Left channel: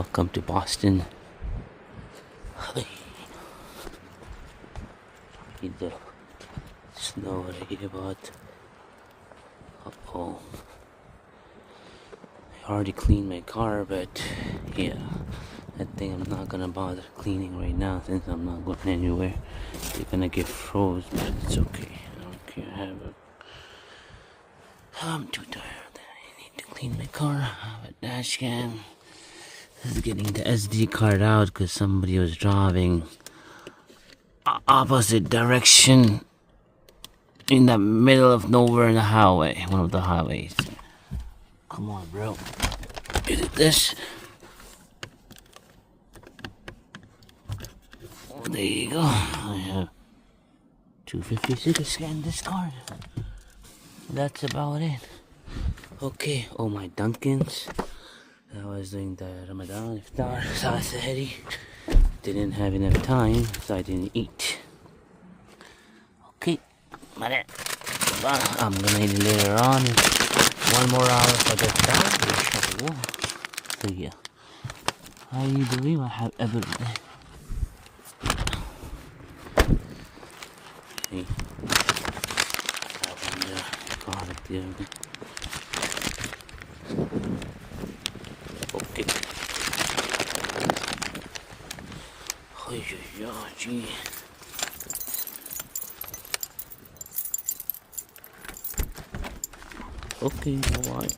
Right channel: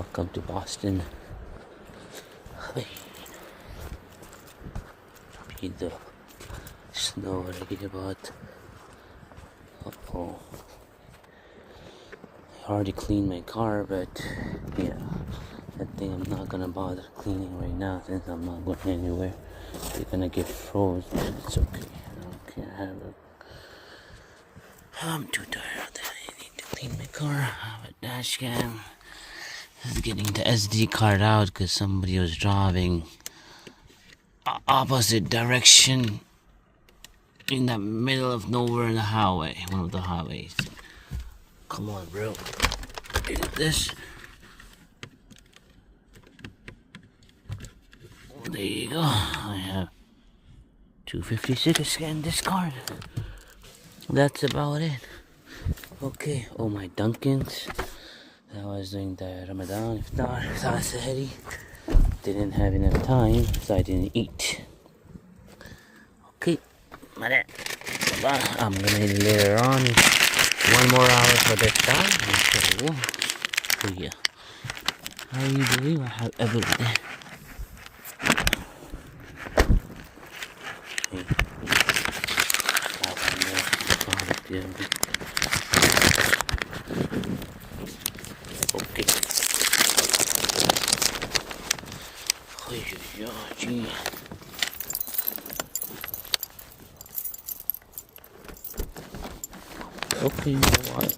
Welcome to Boston. Read the snow right about. Uh-oh. I already cleaned my car, but yeah, I think I'm not gonna bother cleaning right now since I'm not going anywhere. They're gonna get froze, but it's okay. I don't care. I'm too tired that I need to clean my car. I have a dash cam. This is getting the SD card out because somebody was driving opposite direction in the middle of nowhere in the highway, one of the highways. Come on, bro. Is it this? Oh, there you go. I have 256 scan this card. That's about it. Okay. Oh, my Dunkins. I was doing the Ramadan iftar, Sahari. Didn't have enough time, so I didn't eat. Okay, I'm gonna eat later on. 1 more hour for the iftar. So yeah, how do you believe I have everything? Me. That one there, product building. Okay. Gee. Okay, alright.